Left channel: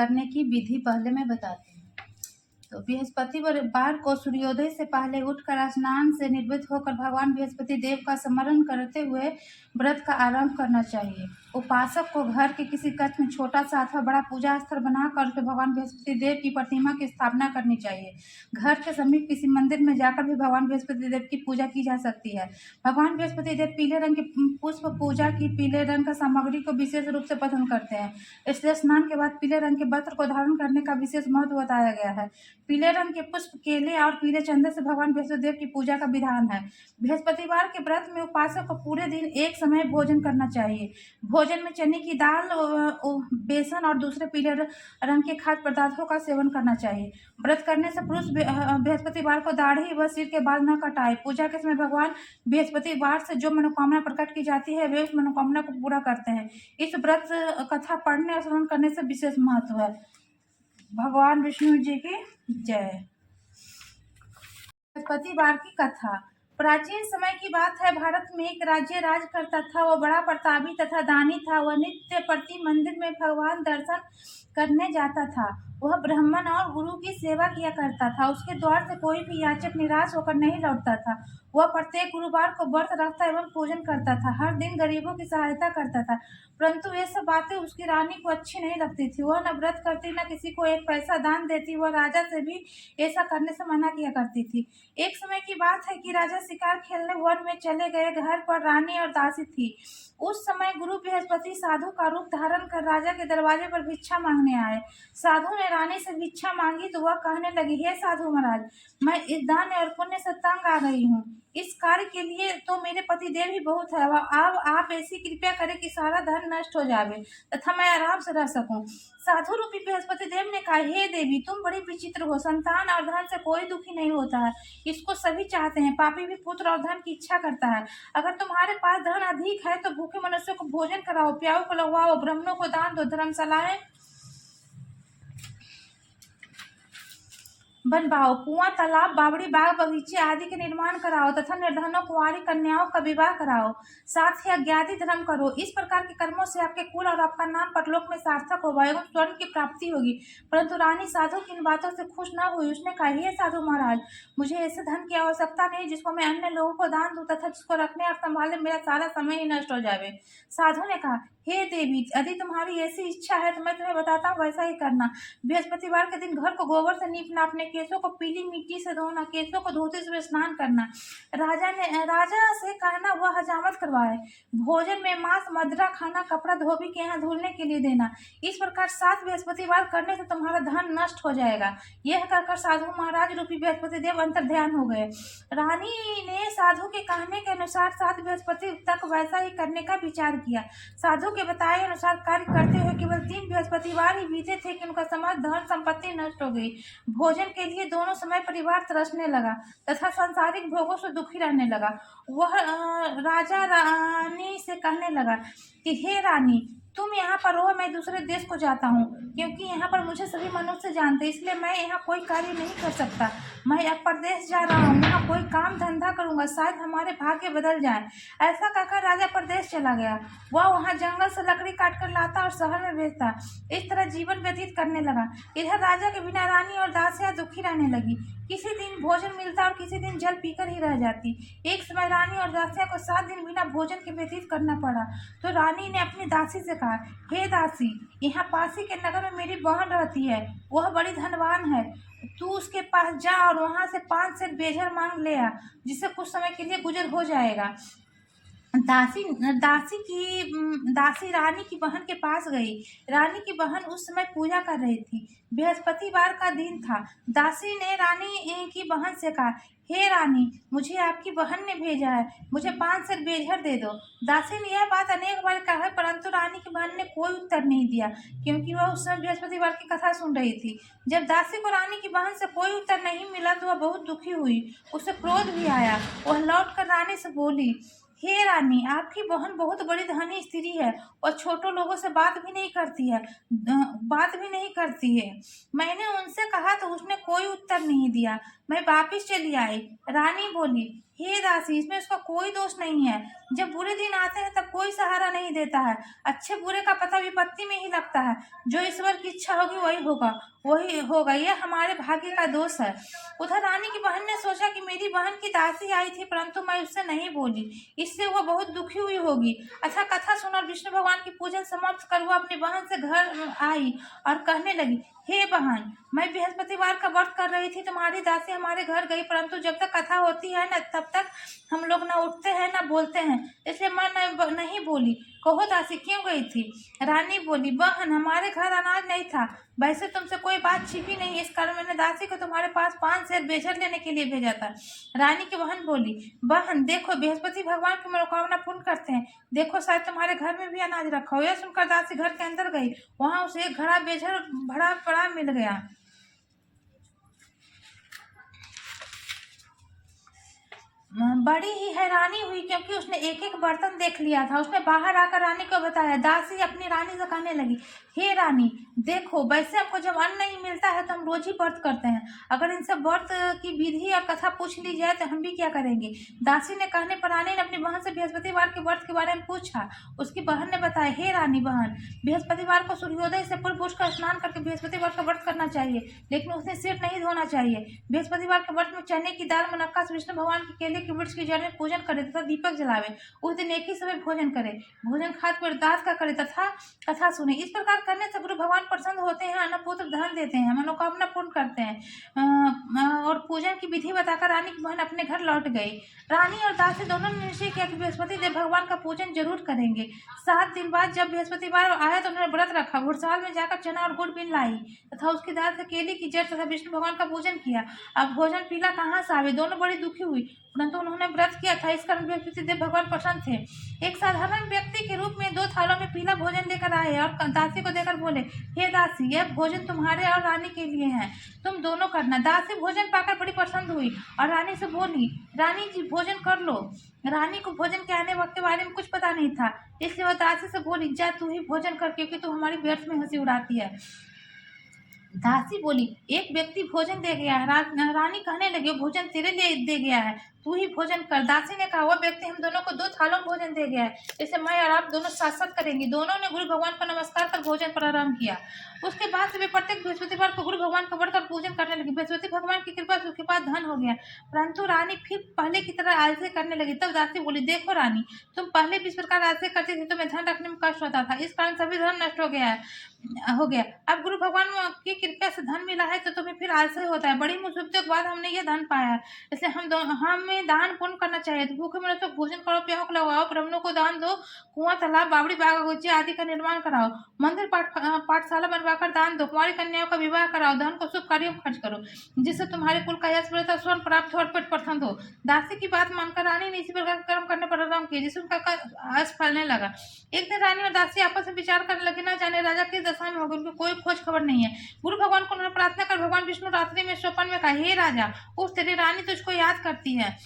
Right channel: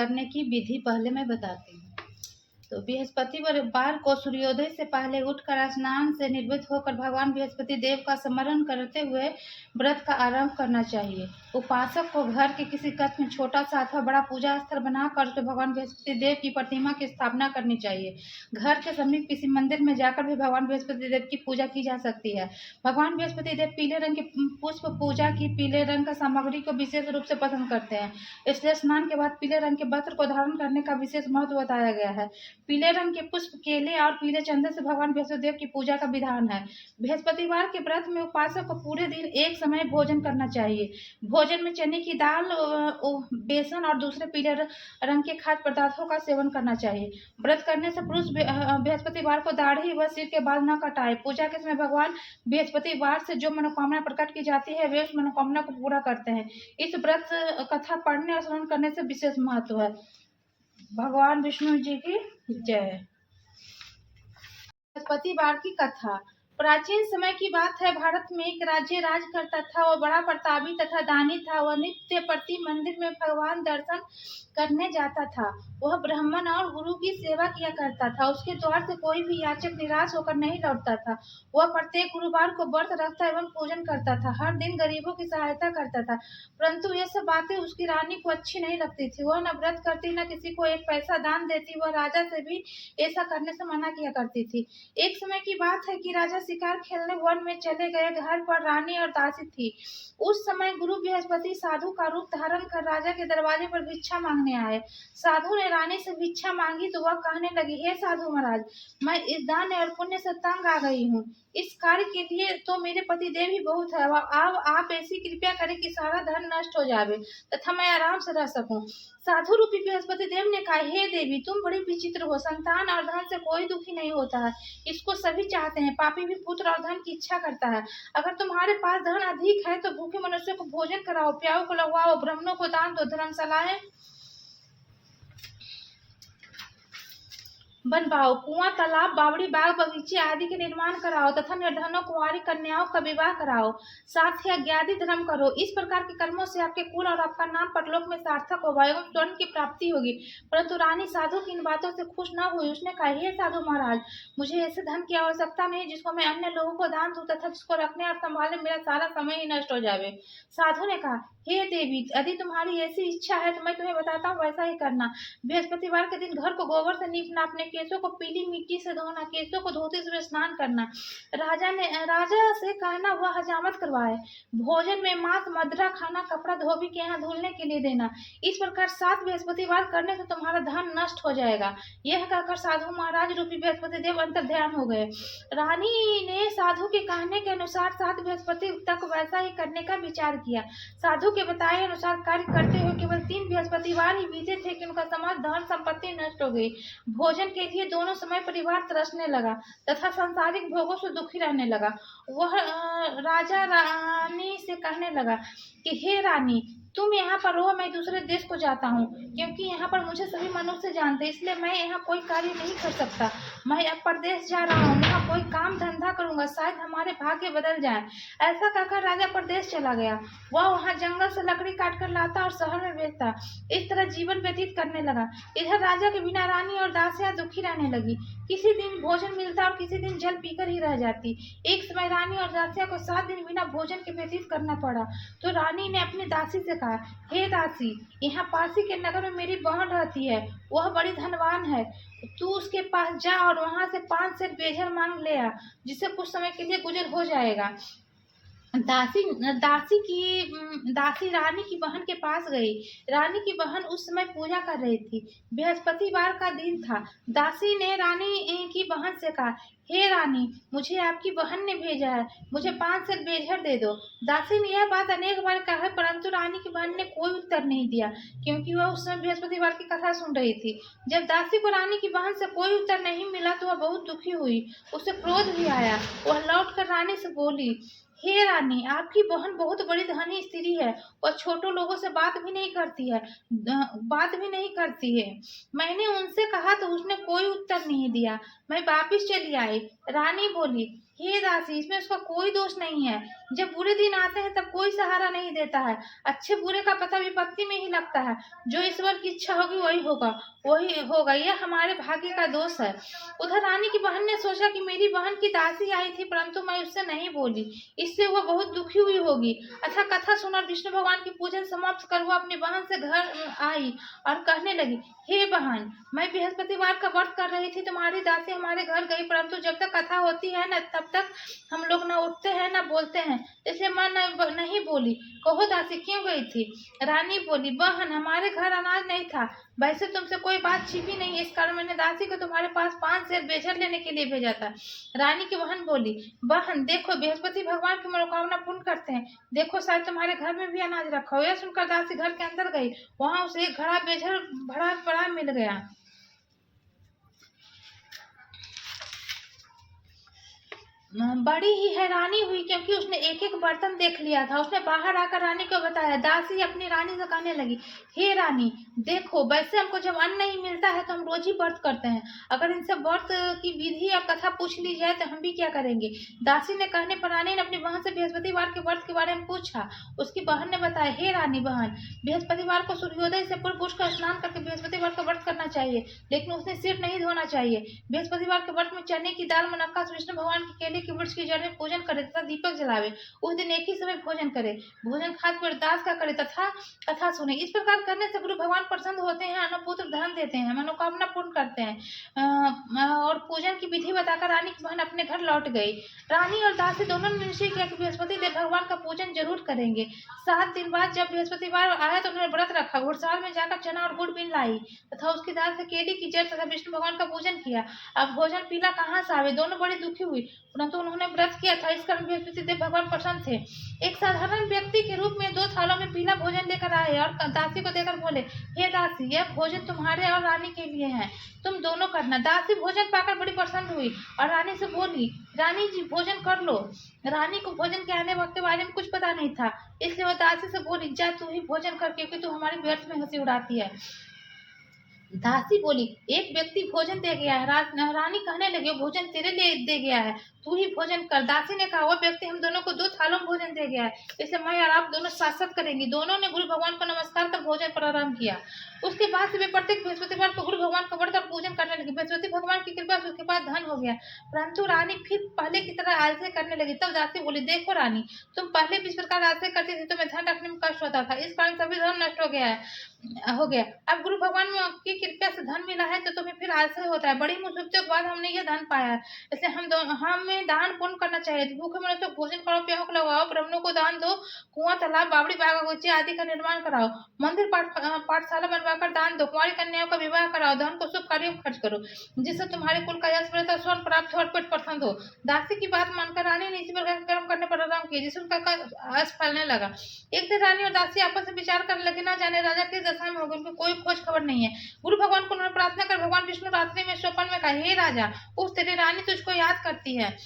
करने की विधि पहले मैं बताती हूँ। तो बृहस्पतिवार को सूर्योदय से पहले उठकर स्नान से निर्वृत्त होकर भगवान बृहस्पति देव का स्मरण करते हुए व्रत का आरंभ करना चाहिए। उपासक को घर के किसी कक्ष में छोटा सा अथवा बड़ा पूजा स्थल बनाकर उसमें भगवान बृहस्पति देव की प्रतिमा की स्थापना करनी चाहिए। घर के समीप किसी मंदिर में जाकर भी भगवान बृहस्पति देव की पूजा की जा सकती है। भगवान बृहस्पति देव पीले रंग के पुष्प पूजा की पीले रंग का सामग्री को विशेष रूप से पसंद करते हैं, इसलिए स्नान के बाद पीले रंग के वस्त्र को धारण करने का विशेष महत्व बताया गया है। पीले रंग के पुष्प, केले और पीले चंदन से भगवान बृहस्पति देव की पूजा का विधान है। बृहस्पतिवार के व्रत में उपासक को पूरे दिन एक समय भोजन करना चाहिए। भोजन में चने की दाल, बेसन और दूसरे पीले रंग के खाद्य पदार्थों का सेवन करना चाहिए। व्रत करने से पुरुष बृहस्पतिवार को दाढ़ी व सिर के बाल न कटाए। पूजा के समय भगवान बृहस्पतिवार से जो मनोकामना प्रकट की जाती है वे उस मनोकामना को पूरा करते हैं। इस व्रत कथा पढ़ने और श्रवण करने से विशेष महत्व है। भगवान विष्णु जी की जय। बृहस्पतिवार की कथा। प्राचीन समय की बात है, भारत में एक राज्य राज करता था। वह बड़ा प्रतापी तथा दानी था। वह नित्य प्रति मंदिर में भगवान दर्शन करने जाता था। वह ब्राह्मण और गुरु की सेवा किया करता था। उसके द्वार से कोई भी याचक निराश होकर नहीं लौटता था। वह प्रत्येक गुरुवार को व्रत रखता एवं पूजन करता था। हर दिन गरीबों की सहायता करता था, परंतु ये सब बातें उसकी रानी को अच्छी नहीं लगती थी। वह न व्रत करती, न किसी को एक पैसा दान देती। वह राजा से भी ऐसा करने से मना किया करती थी। एक समय की बात है कि राजा शिकार खेलने वन में चले गए। घर पर रानी और दासी थी। उस समय गुरु बृहस्पति साधु का रूप धारण कर राजा के दरवाजे पर भिक्षा मांगने आए। साधु ने रानी से भिक्षा मांगी तो वह कहने लगी, हे साधु महाराज, मैं इस दान और पुण्य से तंग आ गई हूँ। इस कार्य के लिए तो मेरे पति देव ही बहुत है। अब आप ऐसी कृपया करें कि सारा धन नष्ट हो जावे तथा मैं आराम से रह सकूं। साधु रूपी बृहस्पति देव ने कहा, हे देवी, तुम बड़ी विचित्र हो। संतान और धन से कोई दुखी नहीं होता है, इसको सभी चाहते हैं। पापी भी पुत्र और धन की इच्छा करता है। अगर तुम्हारे पास धन अधिक है तो भूखे मनुष्यों को भोजन कराओ, प्याओं को लगवाओ, ब्राह्मणों को दान दो, धर्मशालाएं बनवाओ, कुआं, तालाब, बावड़ी, बाग बगीचे आदि के निर्माण कराओ तथा निर्धनों कुंवारी कन्याओं का विवाह कराओ। साथ ही अज्ञाति धर्म करो। इस प्रकार के कर्मों से आपके कुल और आपका नाम परलोक में सार्थक होगा एवं स्वर्ण की प्राप्ति होगी। परंतु रानी साधु की इन बातों से खुश न हुई। उसने कहा, हे साधु महाराज, मुझे ऐसे धन की आवश्यकता नहीं जिसको मैं अन्य लोगों को दान दूं तथा जिसको रखने और संभालने मेरा सारा समय ही नष्ट हो जावे। साधु ने कहा, हे देवी, यदि तुम्हारी ऐसी इच्छा है तो मैं तुम्हें बताता हूँ, वैसा ही करना। बृहस्पतिवार के दिन घर को गोबर से लीपना, अपने केसों को पीली मिट्टी से धोना, केसों को धोते समय स्नान करना। राजा से कहना वह हजामत करवाए। भोजन में मांस, मदिरा खाना, कपड़ा धोबी के यहाँ धुलने के लिए देना। इस प्रकार 7 बृहस्पतिवार करने से तुम्हारा धन नष्ट हो जाएगा। यह कहकर साधु महाराज रूपी बृहस्पति देव अंतर ध्यान हो गए। रानी ने साधु के कहने के अनुसार 7 बृहस्पति तक वैसा ही करने का विचार किया। साधु के बताए अनुसार कार्य करते हुए केवल 3 बृहस्पतिवार ही बीते थे कि उनका समस्त धन संपत्ति नष्ट हो गई। भोजन के लिए दोनों समय परिवार तरसने लगा तथा सांसारिक भोगों से दुखी रहने लगा। वह राजा रानी से कहने लगा कि हे रानी, तुम यहाँ पर रहो, मैं दूसरे देश को जाता हूँ, क्योंकि यहाँ पर मुझे सभी मनुष्य जानते, इसलिए मैं यहाँ कोई कार्य नहीं कर सकता। मैं अब परदेश जा रहा हूँ, वहाँ कोई काम धंधा करूँगा, शायद हमारे भाग्य बदल जाए। ऐसा कहकर राजा परदेश चला गया। वह वहाँ जंगल से लकड़ी काट कर लाता और शहर में बेचता। इस तरह जीवन व्यतीत करने लगा। इधर राजा के बिना रानी और दासियां दुखी रहने लगी। किसी दिन भोजन मिलता और किसी दिन जल पीकर ही रह जाती। एक समय रानी और दासियां को 7 दिन बिना भोजन के व्यतीत करना पड़ा। तो रानी ने अपनी दासी से कहा, हे दासी, यहाँ पासी के नगर में मेरी बहन रहती है। वह बड़ी धनवान है। तू उसके पास जा और वहां से 5 सेर बेझर मांग ले आ, जिससे कुछ समय के लिए गुजर हो जाएगा। दासी रानी की बहन के पास गई। रानी की बहन उस समय पूजा कर रही थी। बृहस्पतिवार का दिन था। दासी ने रानी की बहन से कहा, हे रानी, मुझे आपकी बहन ने भेजा है, मुझे 5 सेर बेझर दे दो। दासी ने यह बात अनेक बार कहा, परंतु रानी की बहन ने कोई उत्तर नहीं दिया, क्योंकि वह उस समय बृहस्पतिवार की कथा सुन रही थी। जब दासी को रानी की बहन से कोई उत्तर नहीं मिला तो वह बहुत दुखी हुई। उसे क्रोध भी आया। वह लौटकर रानी से बोली, हे रानी, आपकी बहन बहुत बड़ी धनी स्त्री है और छोटों लोगों से बात भी नहीं करती है। मैंने उनसे कहा तो उसने कोई उत्तर नहीं दिया। मैं वापिस चली आई। रानी बोली, हे दासी, इसमें उसका कोई दोष नहीं है। जब बुरे दिन आते हैं तब कोई सहारा नहीं देता है। अच्छे बुरे का पता विपत्ति में ही लगता है। जो ईश्वर की इच्छा होगी वही होगा। यह हमारे भाग्य का दोष है। उधर रानी की बहन ने सोचा कि मेरी बहन की दासी आई थी, परंतु मैं उससे नहीं बोली, इससे वो बहुत दुखी हुई होगी। अच्छा, कथा सुनकर विष्णु भगवान की पूजन समाप्त कर वो अपनी बहन से घर आई और कहने लगी, हे बहन, मैं बृहस्पतिवार का व्रत कर रही थी, तुम्हारी दासी हमारे घर गई, परंतु जब तक कथा होती है न तब तक हम लोग न उठते हैं न बोलते हैं, इसलिए मैं नहीं बोली। कहो दासी, क्यों गई थी? रानी बोली, बहन, हमारे घर अनाज नहीं था, वैसे तुमसे कोई बात छिपी नहीं, इस कारण मैंने दासी को तुम्हारे पास 5 सेर बेझर लेने के लिए भेजा था। रानी की बहन बोली, बहन देखो, बृहस्पति भगवान की मनोकामना पूर्ण करते हैं, देखो शायद तुम्हारे घर में भी अनाज रखा हो। यह सुनकर दासी घर के अंदर गई, वहां उसे एक घड़ा बेझर भरा पड़ा मिल गया। बड़ी ही हैरानी हुई, क्योंकि उसने एक एक बर्तन देख लिया था। उसने बाहर आकर रानी को बताया। दासी अपनी रानी से कहने लगी, हे रानी, देखो, वैसे हमको जब अन्न नहीं मिलता है तो हम रोज ही व्रत करते हैं, अगर इनसे व्रत की विधि और कथा पूछ ली जाए तो हम भी क्या करेंगे। दासी ने कहने पर रानी ने अपनी बहन से बृहस्पतिवार के व्रत के बारे में पूछा। उसकी बहन ने बताया, हे रानी बहन, बृहस्पतिवार को सूर्योदय से पूर्व उठकर स्नान करके बृहस्पतिवार का व्रत करना चाहिए, लेकिन उसने सिर नहीं धोना चाहिए। बृहस्पतिवार के व्रत में चने की दाल, मुनक्का से विष्णु भगवान के केले के वृक्ष की जड़ में पूजन करे तथा दीपक जलावे। उस दिन एक ही समय भोजन करे, भोजन खाद पर दास का करे तथा कथा सुने। इस प्रकार करने से गुरु भगवान प्रसन्न होते हैं, अन्न पुत्र धन देते हैं, मनोकामना पूर्ण करते हैं। और पूजन की विधि बताकर रानी की बहन अपने घर लौट गई। रानी और दासी दोनों ने निश्चय किया कि बृहस्पति देव भगवान का पूजन जरूर करेंगे। 7 दिन बाद जब बृहस्पतिवार आया तो उन्होंने व्रत रखा, घुड़सवार में जाकर चना और गुड़ बीन लाई तथा उसकी दाल से केले की जड़ तथा विष्णु भगवान का पूजन किया। अब भोजन पीला कहाँ से आवे? दोनों बड़ी दुखी हुई, परंतु उन्होंने व्रत किया था, इस कारण बृहस्पति देव भगवान प्रसन्न थे। एक साधारण व्यक्ति के रूप में 2 थालों में पीला भोजन लेकर आए और दासी को देकर बोले, हे दासी, यह भोजन तुम्हारे और रानी के लिए है, तुम दोनों करना। दासी भोजन पाकर बड़ी प्रसन्न हुई और रानी से बोली, रानी जी, भोजन कर लो। रानी को भोजन के आने वक्त के बारे में कुछ पता नहीं था, इसलिए वह दासी से बोली, जा तू ही भोजन कर, क्योंकि तू हमारी व्यर्थ में हंसी उड़ाती है। दासी बोली, एक व्यक्ति भोजन दे गया है। रानी कहने लगी, भोजन तेरे लिए दे गया है, तू ही भोजन कर। दासी ने कहा, वह व्यक्ति हम दोनों को 2 थालों में भोजन दे गया है, इसलिए मैं और आप दोनों साथ साथ करेंगे। दोनों ने गुरु भगवान को नमस्कार कर भोजन प्रारंभ किया। उसके बाद से वे प्रत्येक बृहस्पतिवार को गुरु भगवान का व्रत और पूजन करने लगी। बृहस्पति भगवान की कृपा से उसके पास धन हो गया, परंतु रानी फिर पहले की तरह आलस्य करने लगी। तब दासी बोली, देखो रानी, तुम पहले भी इस प्रकार आलस्य करती थी, तुम्हें धन रखने में कष्ट होता था, इस कारण सभी धन नष्ट हो गया। अब गुरु भगवान की कृपा से धन मिला है तो तुम्हें फिर आलस्य होता है। बड़ी मुसीबतों के बाद हमने ये धन पाया है, इसलिए हमें दान पुण्य करना चाहिए। भूखे मिलो तो भोजन करो, प्यास लगाओ, ब्राह्मणों को दान दो, कुआं, तालाब, बावड़ी, बगीचे आदि का निर्माण कराओ, मंदिर पाठशाला बनवाकर दान दो, कुंवारी कन्याओं का विवाह कराओ, धन को शुभ कार्यों में खर्च करो, जिससे तुम्हारे कुल का यश बढ़े, स्वर्ण प्राप्त हो और पेट प्रसन्न हो। दासी की बात मानकर रानी ने इसी प्रकार कर्म करने पर आराम किया, जिससे उनका यश फलने लगा। एक दिन रानी और दासी आपस में विचार करने लगे, ना जाने राजा किस दशा में होगा, उनकी कोई खोज खबर नहीं है। गुरु भगवान को उन्होंने प्रार्थना कर भगवान विष्णु रात्रि में स्वप्न में कहा, हे राजा, उस तेरी रानी तुझको याद करती है,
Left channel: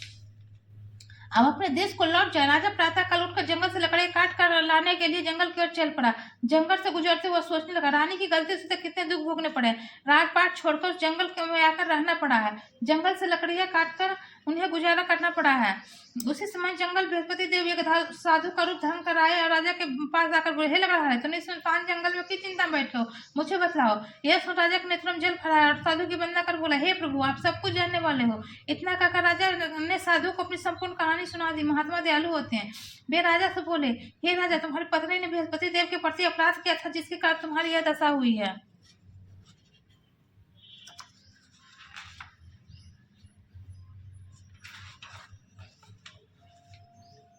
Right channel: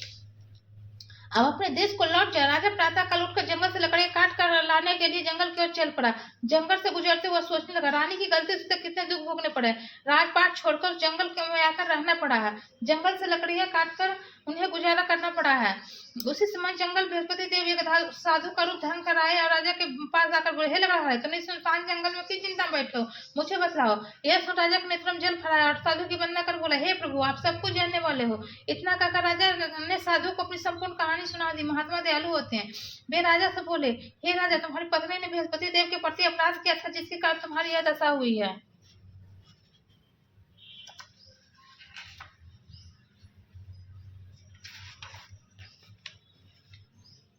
अब अपने देश को लौट जा। राजा प्रातः काल उठकर जंगल से लकड़ी काट कर लाने के लिए जंगल की ओर चल पड़ा। जंगल से गुजरते हुए सोचने लगा, रानी की गलती से कितने दुख भोगने पड़े। राजपाट छोड़कर उस जंगल में आकर रहना पड़ा है, जंगल से लकड़ियां काटकर उन्हें गुजारा करना पड़ा है। उसी समय जंगल बृहस्पति देव एक साधु का रूप धारण कर आए और राजा के पास जाकर बोले, हे लगा है, तुमने सुनसान जंगल में की चिंता बैठे हो, मुझे बतलाओ। यह सुन राजा के नेत्रों में जल फराया और साधु की वंदना कर बोला, हे प्रभु, आप सब कुछ जानने वाले हो। इतना कहकर राजा ने साधु को अपनी संपूर्ण कहानी सुना दी। महात्मा दयालु होते हैं। वे राजा से बोले, हे राजा, तुम्हारी पत्नी ने बृहस्पति देव के प्रति अपराध किया था, जिसके कारण तुम्हारी यह दशा हुई है।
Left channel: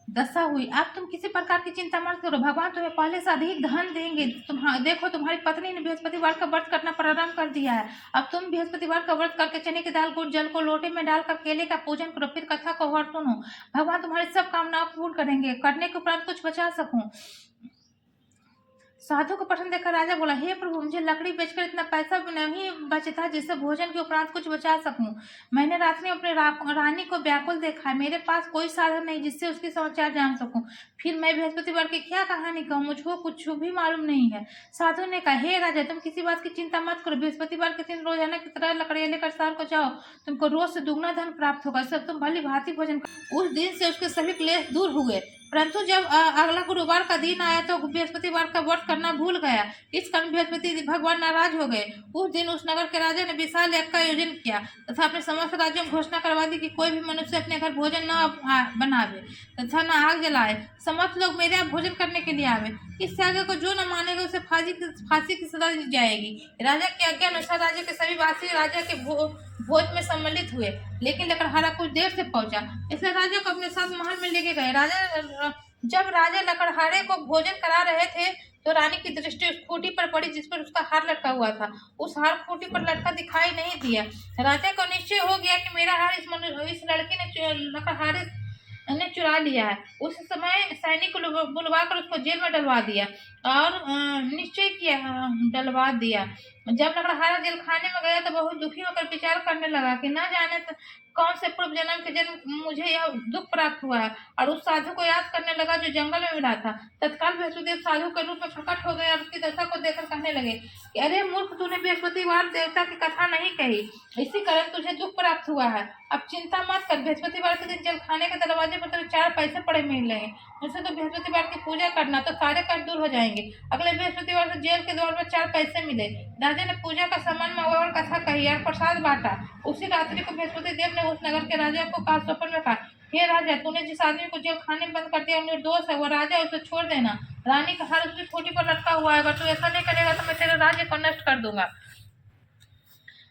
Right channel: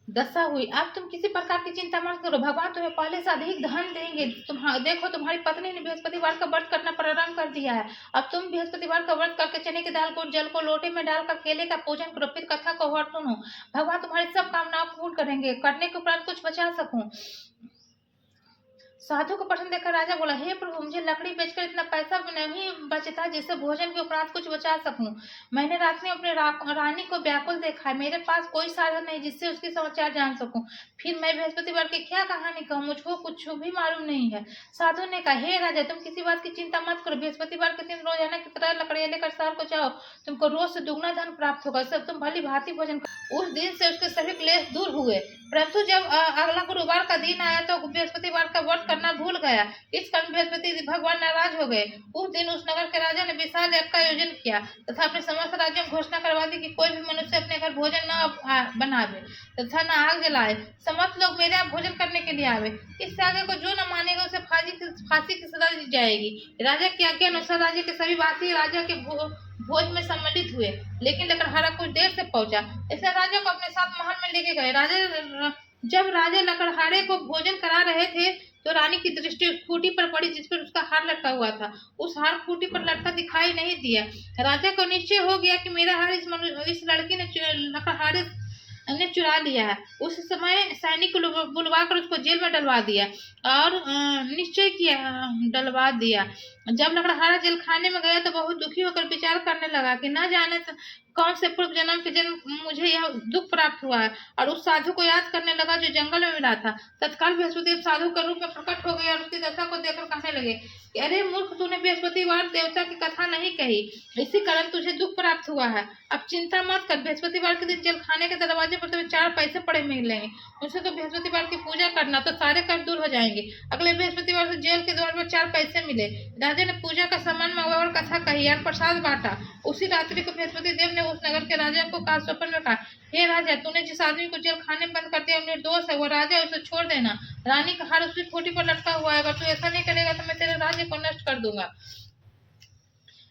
अब तुम किसी प्रकार की चिंता मत करो, भगवान तुम्हें पहले से अधिक धन देंगे। देखो, तुम्हारी पत्नी ने बृहस्पतिवार का व्रत करना प्रारंभ कर दिया है। अब तुम बृहस्पतिवार का व्रत करके चने की दाल, गुड़, जल को लोटे में डालकर केले का पूजन करो, फिर कथा को और सुनो। भगवान तुम्हारी सब कामनाओं पूर्ण करेंगे। करने के उपरांत कुछ बचा सकूं, साधु को प्रश्न देखकर राजा बोला, हे प्रभु, मुझे लकड़ी बेचकर इतना पैसा भी नहीं बचता जिससे भोजन के उपरांत कुछ बचा सकूं। मैंने रात में अपने रानी को व्याकुल देखा है। मेरे पास कोई साधन नहीं जिससे उसकी समाचार जान सकूं। फिर मैं बृहस्पतिवार की क्या कहानी कहूँ, मुझको कुछ भी मालूम नहीं है। साधु ने कहा, हे राजा, तुम किसी बात की चिंता मत करो। बृहस्पतिवार के दिन रोजाना की तरह लकड़ियां लेकर शहर को जाओ। तुमको रोज से दुगना धन प्राप्त होगा। सब तुम भली भांति भोजन करो। उस दिन से उसके सभी क्लेश दूर हुए। परंतु जब अगला गुरुवार का दिन आया तो बृहस्पतिवार का व्रत करना भूल गया। इस कारण बृहस्पति भगवान नाराज हो गए। उस दिन उस नगर के राजा ने विशाल यज्ञ का आयोजन किया तथा अपने समस्त राज्यों में घोषणा करवा दी कि कोई भी मनुष्य अपने घर भोजन न बनावे तथा न आग जलाए। समस्त लोग मेरे यहाँ भोजन करने के लिए आवे। इस आज्ञा को जो न मानेगा उसे फांसी की सजा दी जाएगी। राजा की आज्ञा अनुसार राज्य के सभी वासी राजा के भोज में सम्मिलित हुए, लेकिन लकड़हारा कुछ देर से पहुंचा, इसलिए राजा को अपने साथ महल में लेके गए। जब राजा लकड़हारे को भोजन करा रहे थे तो रानी की दृष्टि उस खूंटी पर पड़ी जिस पर उसका हार लटका हुआ था। उस हार खूंटी पर लटका दिखाई नहीं दिया। राजा को निश्चय हो गया कि मेरा हार इस लड़की ने लकड़हारे ने चुरा लिया है। उस समय सैनिक को बुलवा कर उसको जेल में डलवा दिया और निश्चय किया डलवा दिया। जब लकड़हारा जेल खाने में गया तो बहुत दुखी होकर विचार करने लगा कि न जाने तो कौन से पूर्व जन्म के जन्म मुझे यह दुख प्राप्त हुआ है, और उस साधु को याद करने लगा जो जंगल में मिला था। तत्काल बृहस्पति साधु के रूप में प्रकट हो गए और उसकी दशा को देखकर कहने लगे कि अरे मूर्ख, तूने बृहस्पतिवार देवता की कथा नहीं कही, इसी कारण तुझे दुख प्राप्त हुआ है। अब चिंता मत कर, बृहस्पतिवार के दिन जेल खाने के दरवाजे पर तुम्हें 4 पैसे पड़े मिलेंगे। उनसे तो बृहस्पतिवार की पूजा करना तो सारे कष्ट दूर हो जाएंगे। अगले बृहस्पतिवार से जेल के द्वार पर 4 पैसे मिले। राजा ने पूजा का संबंध में और कथा कही और प्रसाद बांटा। उसी रात्रि को बृहस्पति देव ने उस नगर के राजा को कहा, स्वप्न में कहा, हे राजा, तूने जिस आदमी को जेल खाने में बंद कर दिया निर्दोष है, वो राजा, उसे छोड़ देना। रानी का हार उसकी खूंटी पर लटका हुआ है। अगर तू ऐसा नहीं करेगा तो मैं तेरे राज्य को नष्ट कर दूंगा।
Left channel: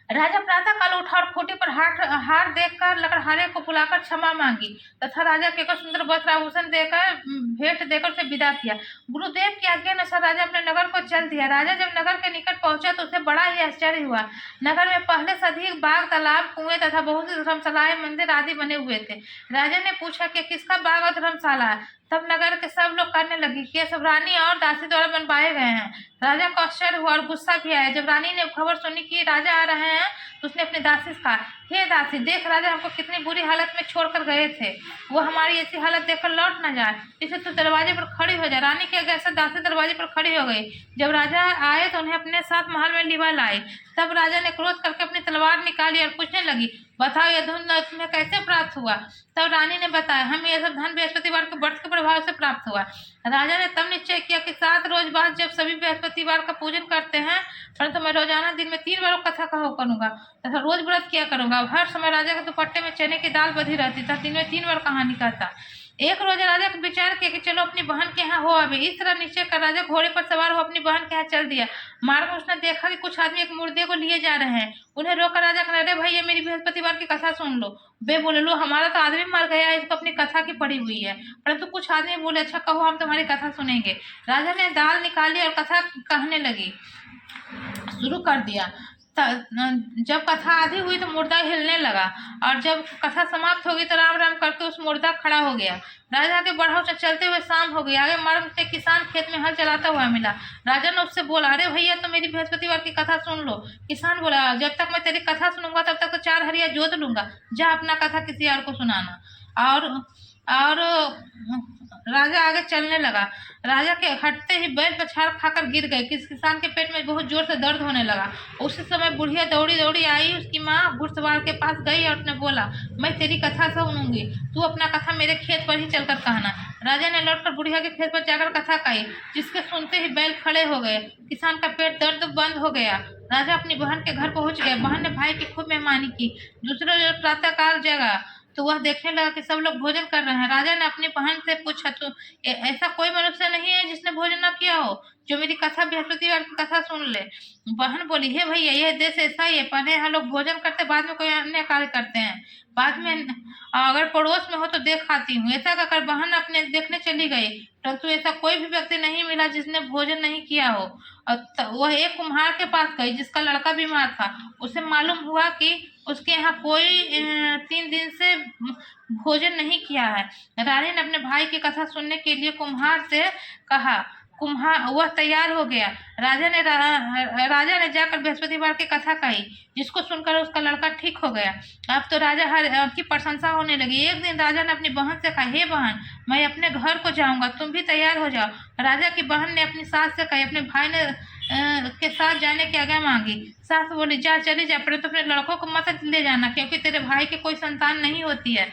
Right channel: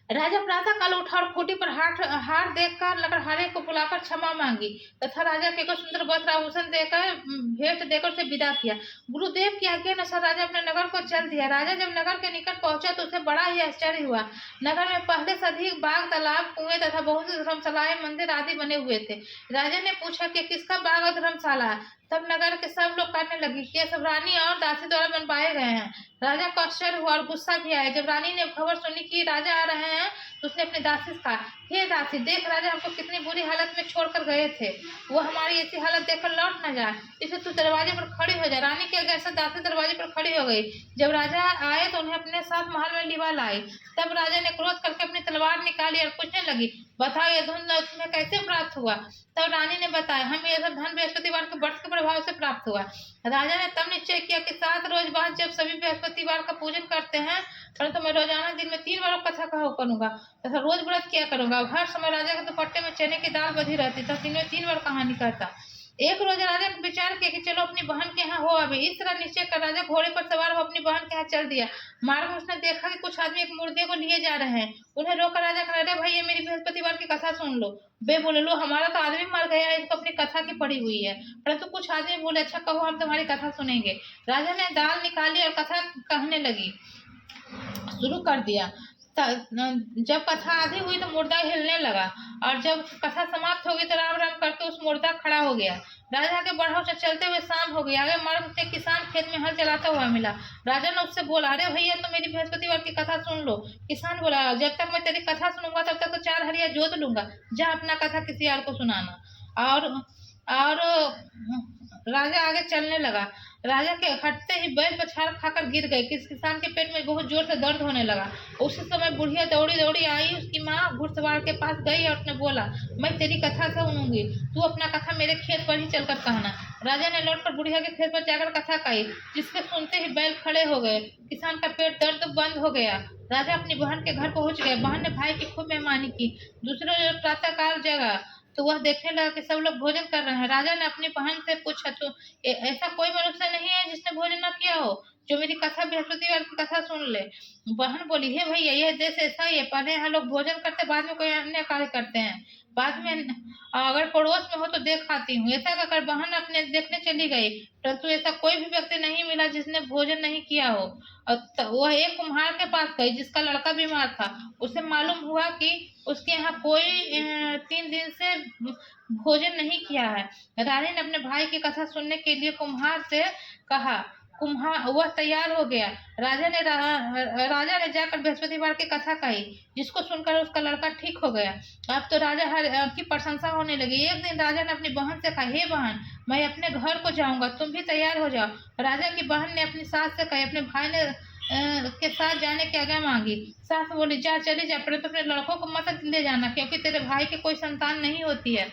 राजा प्रातः काल उठा और खूंटी पर हार देखकर लकड़हारे को बुलाकर क्षमा मांगी तथा राजा के को सुंदर वस्त्र आभूषण देकर भेंट देकर उसे विदा किया। गुरुदेव की आज्ञा अनुसार राजा अपने नगर को चल दिया। राजा जब नगर के निकट पहुंचा तो उसे बड़ा ही आश्चर्य हुआ। नगर में पहले से अधिक बाग, तालाब, कुएं तथा बहुत सी धर्मशालाएं, मंदिर आदि बने हुए थे। राजा ने पूछा कि किसका बाग और धर्मशाला है। तब नगर के सब लोग कहने लगे कि ये सब रानी और दासी द्वारा बनवाए गए हैं। राजा को आश्चर्य हुआ और गुस्सा भी आया। जब रानी ने खबर सुनी कि राजा आ रहे हैं तो उसने अपने दासी से कहा, हे दासी, देख राजा हमको कितनी बुरी हालत में छोड़कर गए थे। वो हमारी ऐसी हालत देखकर लौट न जाए, इसलिए तू दरवाजे पर खड़ी हो जा। रानी के आज्ञा से दासी दरवाजे पर खड़ी हो गई। जब राजा आए तो उन्हें अपने साथ महल में लिवा लाई। तब राजा ने क्रोध करके अपनी तलवार निकाली और पूछने लगी, बताओ यह धन तुम्हें कैसे प्राप्त हुआ। तब रानी ने बताया, हम यह सब धन बृहस्पतिवार के व्रत के प्रभाव से प्राप्त हुआ। राजा ने तब निश्चय किया कि 7 रोज बाद जब सभी बृहस्पतिवार का पूजन करते हैं, परंतु मैं रोजाना दिन में 3 बार कथा करूंगा तथा रोज व्रत किया करूंगा। हर समय राजा के दुपट्टे में चने की दाल बधी रहती तथा दिन में 3 बार कहानी कहता। एक रोज राजा को विचार किया कि चलो अपनी बहन के यहाँ हो आवे। इस तरह निश्चय कर राजा घोड़े पर सवार हो अपनी बहन के यहाँ चल दिया। मार्ग में उसने देखा कि कुछ आदमी एक मुर्दे को लिए जा रहे हैं। उन्हें रोकर राजा कहने, अरे भैया, मेरी बृहस्पतिवार की कथा सुन लो। वे बोले, लो, हमारा तो आदमी मर गया, इसको अपनी कथा की पड़ी हुई है। परंतु कुछ आदमी बोले, अच्छा कहो, हम तुम्हारी कथा सुनेंगे। राजा ने दाल निकाली और कथा कहने लगी शुरू कर दिया। जब कथा आधी हुई तो मुर्दा हिलने लगा और जब कथा समाप्त होगी तो राम राम करके उस मुर्दा खड़ा हो गया। राजा के बढ़ाव से चलते हुए शाम हो गई। आगे मार्ग से किसान खेत में हल चलाता हुआ मिला। राजा ने उससे बोला, अरे भैया, तो मेरी बृहस्पतिवार की कथा सुन लो। किसान बोला, जब तक मैं तेरी कथा सुनूंगा तब तक तो 4 हरिया जोत लूंगा। जा अपना कथा किसी और को सुनाना। और राजा आगे चलने लगा। राजा के हटते ही बैल पछाड़ खाकर गिर गए। किसान के पेट में बहुत जोर से दर्द होने लगा। उसी समय बुढ़िया दौड़ी दौड़ी आई। उसकी माँ घुड़सवार के पास गई और उसने बोला, मैं तेरी कथा सुनूंगी, तू अपना कथा मेरे खेत पर ही चलकर कहना। राजा ने लौटकर बुढ़िया के खेत पर जाकर कथा कही, जिसके सुनते ही बैल खड़े हो गए। किसान का पेट दर्द बंद हो गया। राजा अपनी बहन के घर पहुंच गया। बहन ने भाई की खूब मेहमानी की। दूसरे रोज प्रातःकाल जगा तो वह देखने लगा कि सब लोग भोजन कर रहे हैं। राजा ने अपनी बहन से पूछा, तो ऐसा कोई मनुष्य नहीं है जिसने भोजन न किया हो, जो मेरी कथा बृहस्पतिवार की कथा सुन ले। बहन बोली, हे भैया, यह देश ऐसा ही है। पहले यहाँ लोग भोजन करते, बाद में कोई अन्य कार्य करते हैं। बाद में अगर पड़ोस में हो तो देख आती हूँ। ऐसा कहकर बहन अपने देखने चली गई, परंतु ऐसा कोई भी व्यक्ति नहीं मिला जिसने भोजन नहीं किया हो। वह एक कुम्हार के पास गई जिसका लड़का बीमार था। उसे मालूम हुआ कि उसके यहाँ कोई 3 दिन से भोजन नहीं किया है। रानी ने अपने भाई की कथा सुनने के लिए कुम्हार से कहा, कुम्हार वह तैयार हो गया। राजा ने जाकर बृहस्पतिवार की कथा कही, जिसको सुनकर उसका लड़का ठीक हो गया। अब तो राजा हर की प्रशंसा होने लगी। एक दिन राजा ने अपनी बहन से कहा, हे बहन, मैं अपने घर को जाऊंगा, तुम भी तैयार हो जाओ। राजा की बहन ने अपनी सास से कही, अपने भाई ने के साथ जाने की आज्ञा मांगी। सास बोली, जा, चली जा, पर तो अपने लड़कों को मत ले जाना, क्योंकि तेरे भाई की कोई संतान नहीं होती है।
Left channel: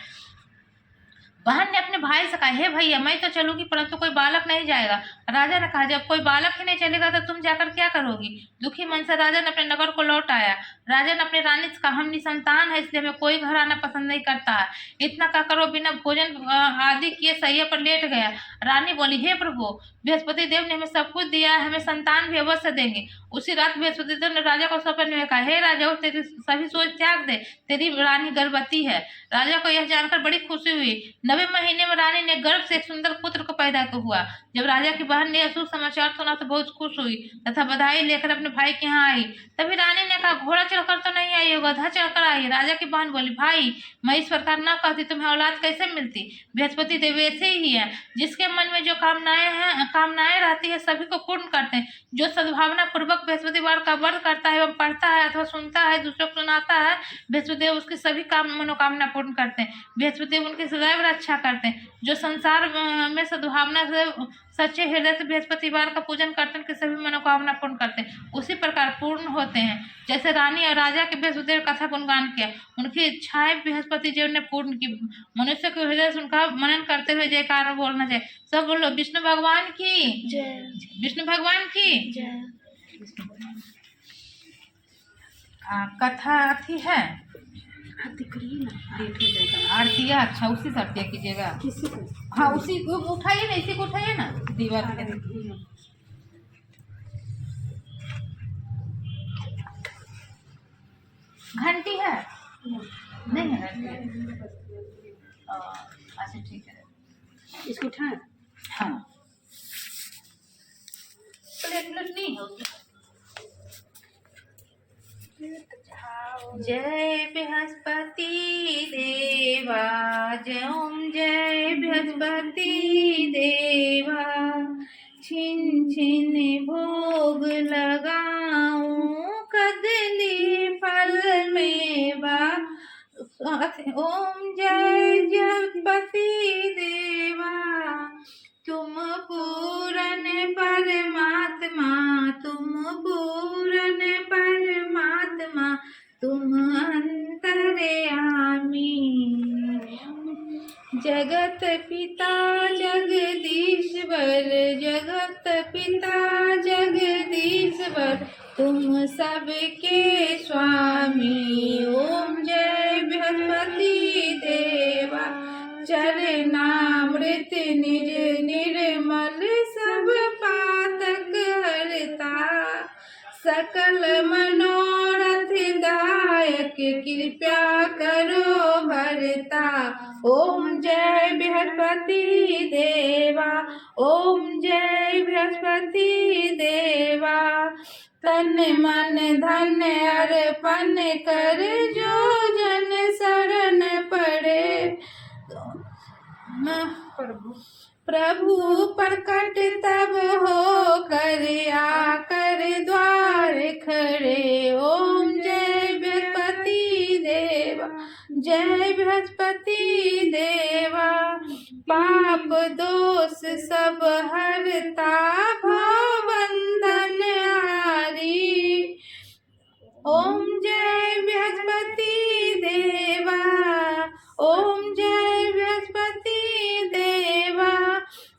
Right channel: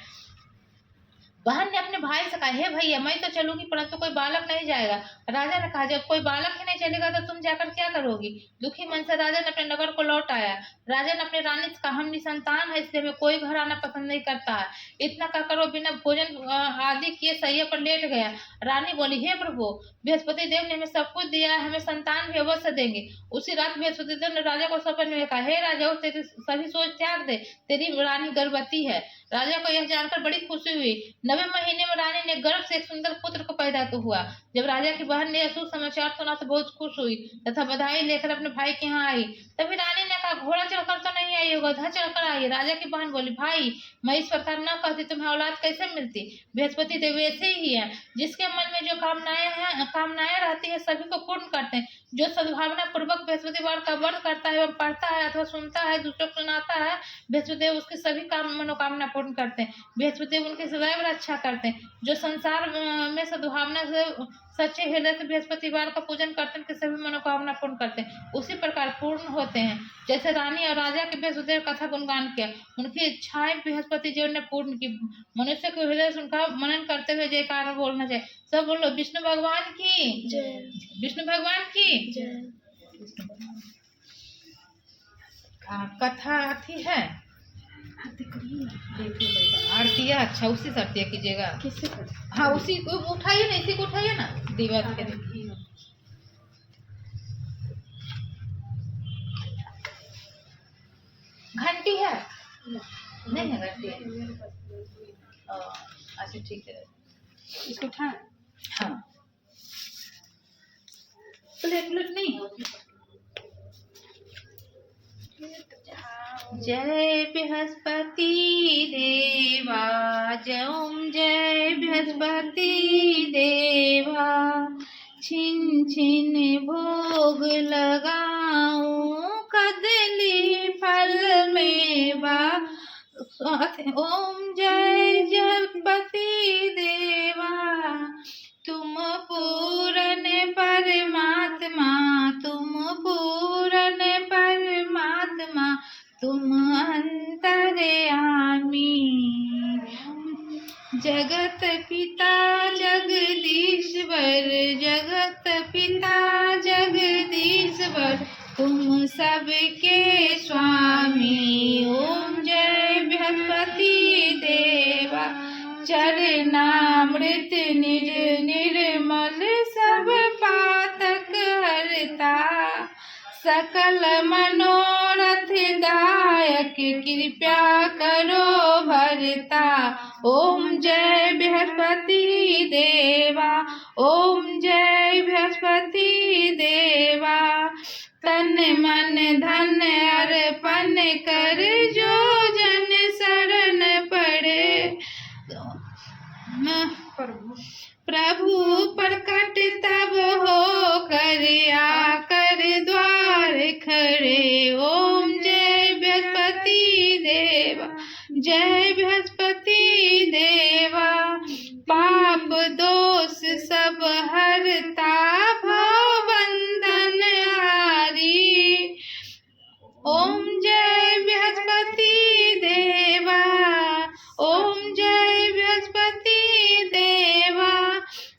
बहन ने अपने भाई से कहा, हे भैया, मैं तो चलूंगी, परंतु कोई बालक नहीं जाएगा। राजा ने कहा, जब कोई बालक ही नहीं चलेगा तो तुम जाकर क्या करोगी? दुखी मन से राजा ने अपने नगर को लौट आया। राजा ने अपनी रानी से कहा, हम निसंतान है, इसलिए हमें कोई घर आना पसंद नहीं करता है। इतना कहकर वो बिना भोजन आदि किए सैया पर लेट गया। रानी बोली, हे प्रभु, बृहस्पति देव ने हमें सब कुछ दिया है, हमें संतान भी अवश्य देंगे। उसी रात बृहस्पति देव ने राजा को सपने में कहा, हे राजा, तेरी सभी सोच त्याग दे, तेरी रानी गर्भवती है। राजा को यह जानकर बड़ी खुशी हुई। 9वें महीने में रानी ने गर्भ से एक सुंदर पुत्र को पैदा हुआ। जब राजा की बहन ने अशुभ समाचार सुना तो बहुत खुश हुई तथा बधाई लेकर अपने भाई के यहाँ आई। तभी रानी ने कहा, घोड़ा चढ़कर तो नहीं आई हो, गधा चढ़कर आई। राजा की बहन बोली, भाई, मैं इस प्रकार न कहती, तुम्हें औलाद कैसे मिलती? बृहस्पति देव ऐसे ही है, जिसके मन में जो कामनाएं रहती है सभी को पूर्ण करते हैं। जो सद्भावना पूर्वक बृहस्पतिवार का व्रत करता है एवं पढ़ता है अथवा सुनता है, दूसरों को सुनाता है, बृहस्पति देव उसकी सभी मनोकामना पूर्ण करते हैं। बृहस्पति देव उनकी सदैव रक्षा करते हैं। जो संसार में सद्भावना से सच्चे हृदय से बृहस्पतिवार का पूजन करते हैं, उनकी सभी मनोकामना पूर्ण करते हैं, उसी प्रकार पूर्ण होते हैं। जैसे रानी और राजा के बृहस्पति देव कथा गुणगान किया, उनकी इच्छाएं बृहस्पति देव ने पूर्ण की। मनुष्य के हृदय से उनका मनन करते हुए जयकार बोलना चाहिए। सब बोलो, विष्णु भगवान की जय, विष्णु भगवान की जय। कथा थी है आरती है। अच्छा, उसी से आरती कीजिएगा। किससे? हाँ, उसी को उठाइए ना, इसी को उठाइए ना, दीवार के देखिए। घंटी है? नहीं है घंटी है। अच्छा, ठीक है, इसको उठाएं। हाँ, प्लेट नहीं है उसमें। जय बृहस्पति देवा, जय बृहस्पति देवा, छिन छिन भोग लगाऊं, कदली फल मेवा। ओम जय बृहस्पति देवा, तुम पूरन परमात्मा, तुम पूरन परमात्मा, तुम अंतर्यामी। जगत पिता जगदीश्वर, जगत पिता जगदीश्वर, तुम सबके स्वामी। ओम जय बृहस्पति देवा, चरणामृत निर्मल, सब पातक हरता, सकल मनोरथ दायक, कृपया करो भरता। ओम जय बृहस्पति देवा, ओम जय बृहस्पति देवा, तन मन धन अर्पण कर, जो जन शरण पड़े। प्रभु प्रकट तब हो कर, आकर द्वार खड़े। ओम जय बृहस्पति देवा, जय बृहस्पति देवा, पाप दोष सब हरता, भव बंधन हारी। ओम जय बृहस्पति देवा, ओम जय बृहस्पति देवा,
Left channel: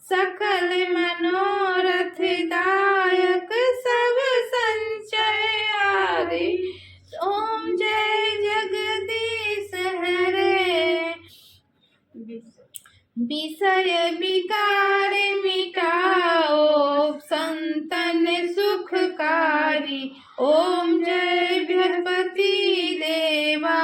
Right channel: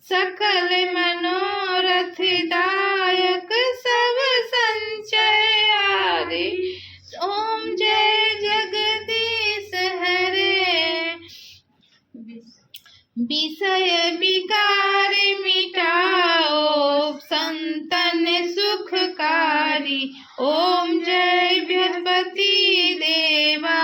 सकल मनोरथ दायक, सब संचय हारे। ओम जय जगदीश हरे, विषय विकार मिटाओ, संतन सुखकारी। ओम जय बृहस्पति देवा,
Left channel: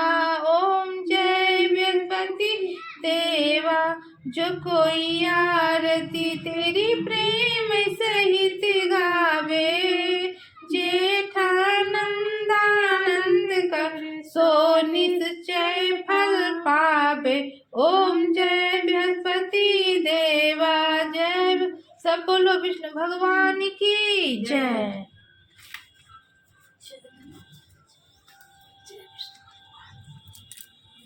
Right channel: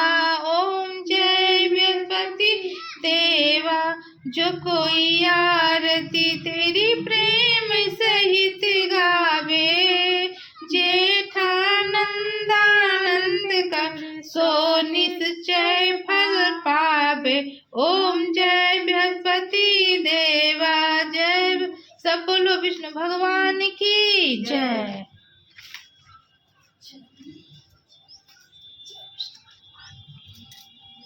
ओम जय बृहस्पति देवा, जो कोई आरती तेरी प्रेम सहित गावे, जेठानंदानंद का सो निश्चय फल पावे। ओम जय बृहस्पति देवा, जय। सबको बोलो विष्णु भगवान की जय।